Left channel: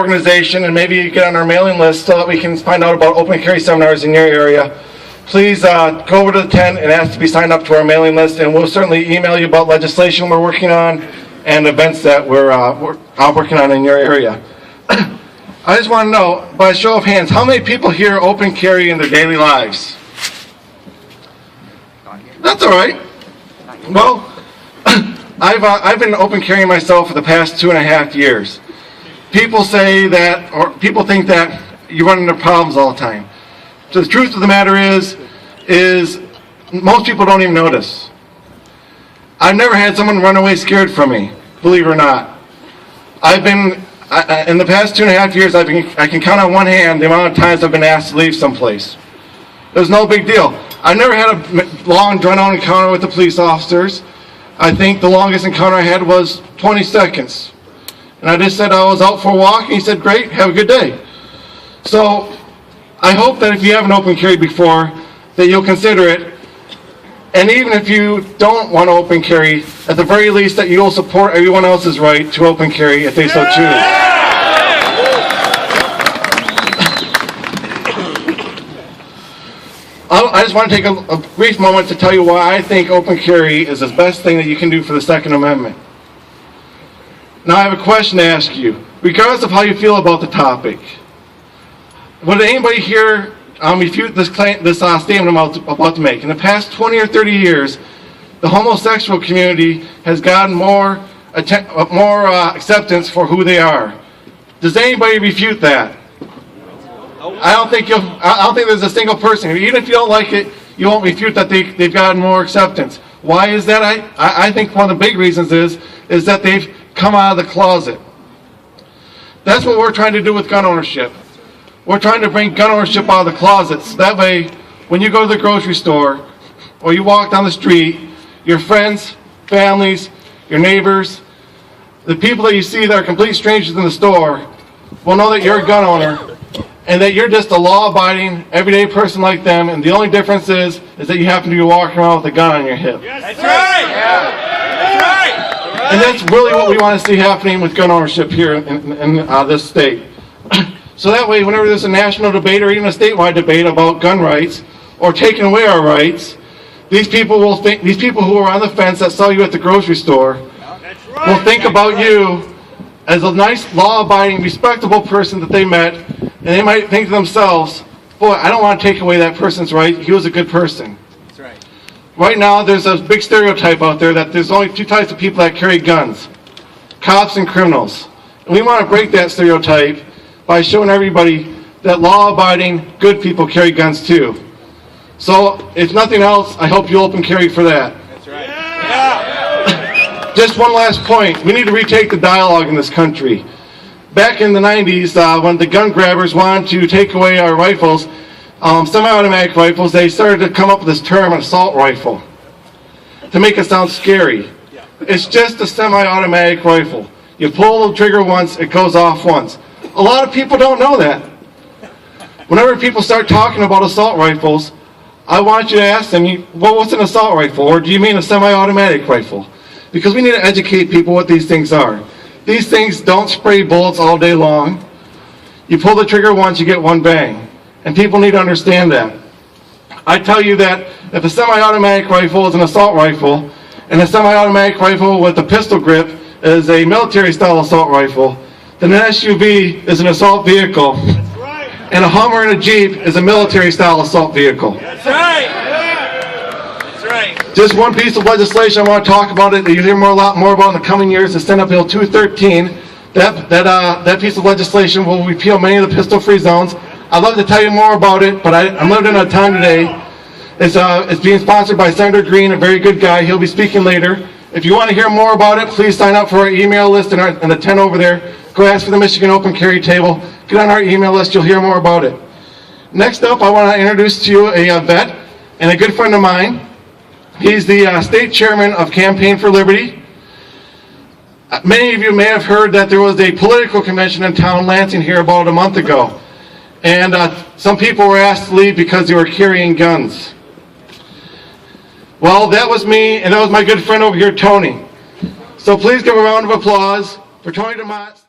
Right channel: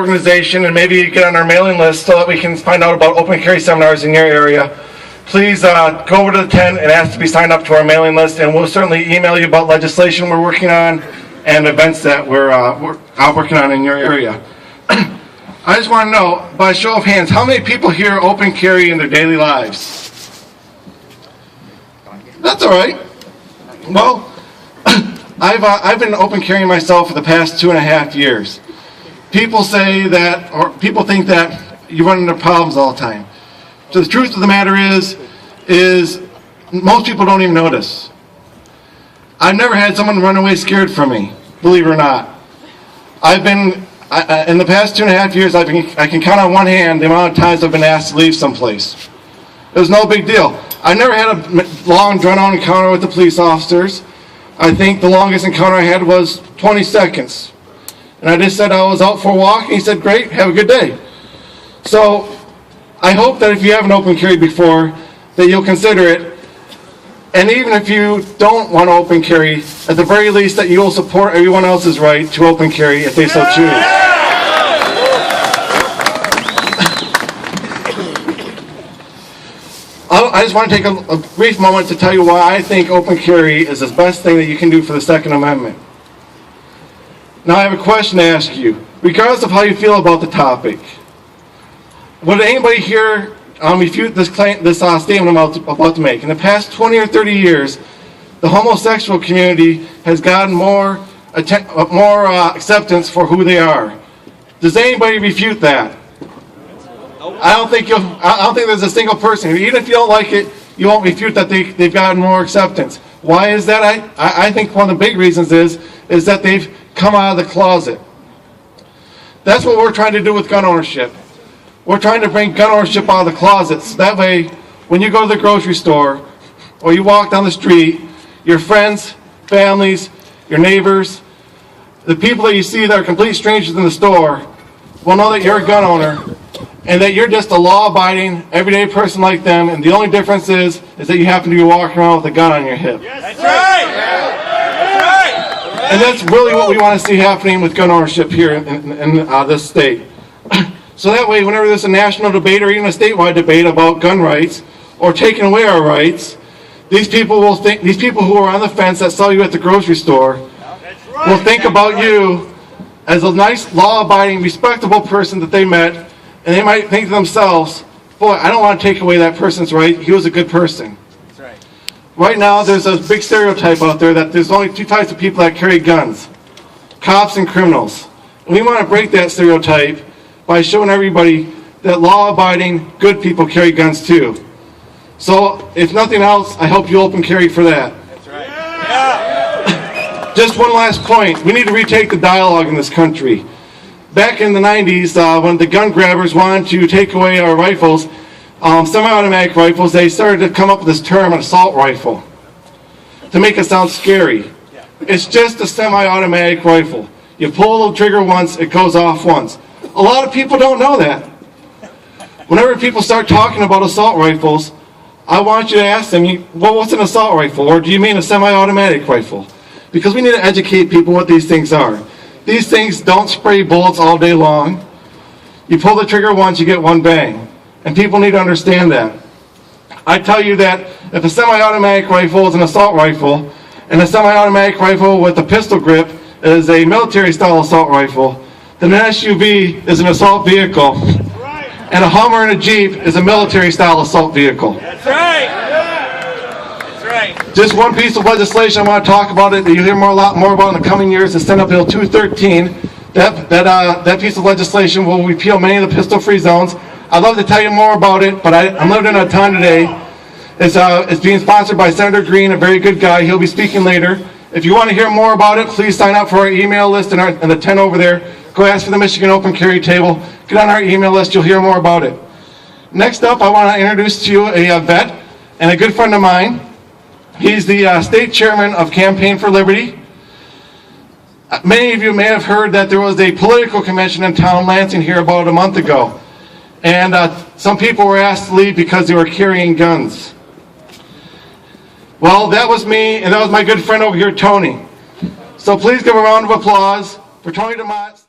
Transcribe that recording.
organization and maybe get on our mailing list so that we can find out about open carry seminars in your area, please go over to the tent and ask to be signed up to our mailing list, and we'll certainly email you about legislation we're working on and events that we're working on in your area. I just want to know, by a show of hands, how many people here open carry in their daily lives? That's all right. Well, I've been open carrying myself for the past 2.5 years. People say that, or people think that you run into problems all the time. So the truth of the matter is most people don't even notice. I've never had someone run away scared from me, believe it or not. In the past 2.5 years, I can count on one hand the amount of times I've been asked to leave someplace. It was no big deal. I never had a long, drawn-out encounter with the police officers. I think the longest encounter I had was 20 seconds. And I just said I was out for a walk, and he said, great, have a good day. So I hope that if you haven't open carried before, that you'll consider it. And even if you don't want to open carry, at the very least that you'll support everyone else's right to open carry if they so choose. I just want to take a brief moment to tell you why I think open carry is the best thing that you can do for the Second Amendment. Now I have a question to ask you, regardless of how you feel about the topic. Would anybody here refute this statement I'm about to make? In the past 20 or 30 years, the homosexual community has gotten more acceptance for who they are. Does anybody refute that? I don't think there's a single person. Even if you don't like it, you won't refute that they've gotten more acceptance. Why is that? I think one of the big reasons is that they've come out of the closet. That's what we're trying to do with gun ownership. We're trying to bring gun ownership out of the closets. That way, when you go to the grocery store or you walk down the street, your friends, families, your neighbors, the people that you see that are complete strangers in the store will know that you're a gun owner and that you're just a law-abiding, everyday person like them, and the only difference is that you happen to be walking around with a gun on your hip. That's right! And that's really what we want to see happening with gun ownership here in this state. So that way, whenever there's a national debate or even a statewide debate about gun rights or taking away our rights, these people who are on the fence that saw you at the grocery store will think about you as a nice, law-abiding, respectable person that they met, and they might think to themselves, boy, I don't want to take away that person's right. He was a good person. That's right. Right now, there's a big stereotype out there that there's only two types of people that carry guns, cops and criminals. And we want to break that stereotype by showing everybody that law-abiding, good people carry guns too. So, if nothing else, I hope you open carry for that. That's right. Yeah. Just one last point. We need to retake the dialogue in this country. Back in the 90s, when the gun grabbers wanted to take away our rifles, semi-automatic rifles, they started to come up with this term, an assault rifle, to make it sound scary. It's just a semi-automatic rifle. You pull the trigger once, it goes off once. A lot of people don't know that. Whenever people start talking about assault rifles, I want you to ask them, well, what's an assault rifle? Or do you mean a semi-automatic rifle? Because we need to educate people what these things are. These things don't spray bullets all day long. You pull the trigger once, you get one bang. And people need to understand that. I tell you that if a semi-automatic rifle is an assault rifle, and a semi-automatic rifle with a pistol grip is a military-style assault rifle, then an SUV is an assault vehicle, and a Hummer and a Jeep is a military-style assault vehicle. That's right. That's right. Just one piece of legislation I want to talk about it that you'll hear a lot more about in the coming years is Senate Bill 213. That piece of legislation will repeal many of the pistol-free zones. I'd love to tell you more about it, but I'm limited on time today. It's being sponsored by Senator Green, a very good guy. He'll be speaking later. If you want to hear more about it, please sign up for our email list in the tent over there. Go ask for the Michigan Open Carry Table. Get on our email list. You'll hear more about it. Next up, I want to introduce to you a vet and a good friend of mine. He's the state chairman of Campaign for Liberty. Many of you may have heard that there was a political convention in town of Lansing here about a month ago. And some people were asked to leave because they were carrying guns. Well, that was me, and that was my good friend over here, Tony. So please give a round of applause for Tony DeMott.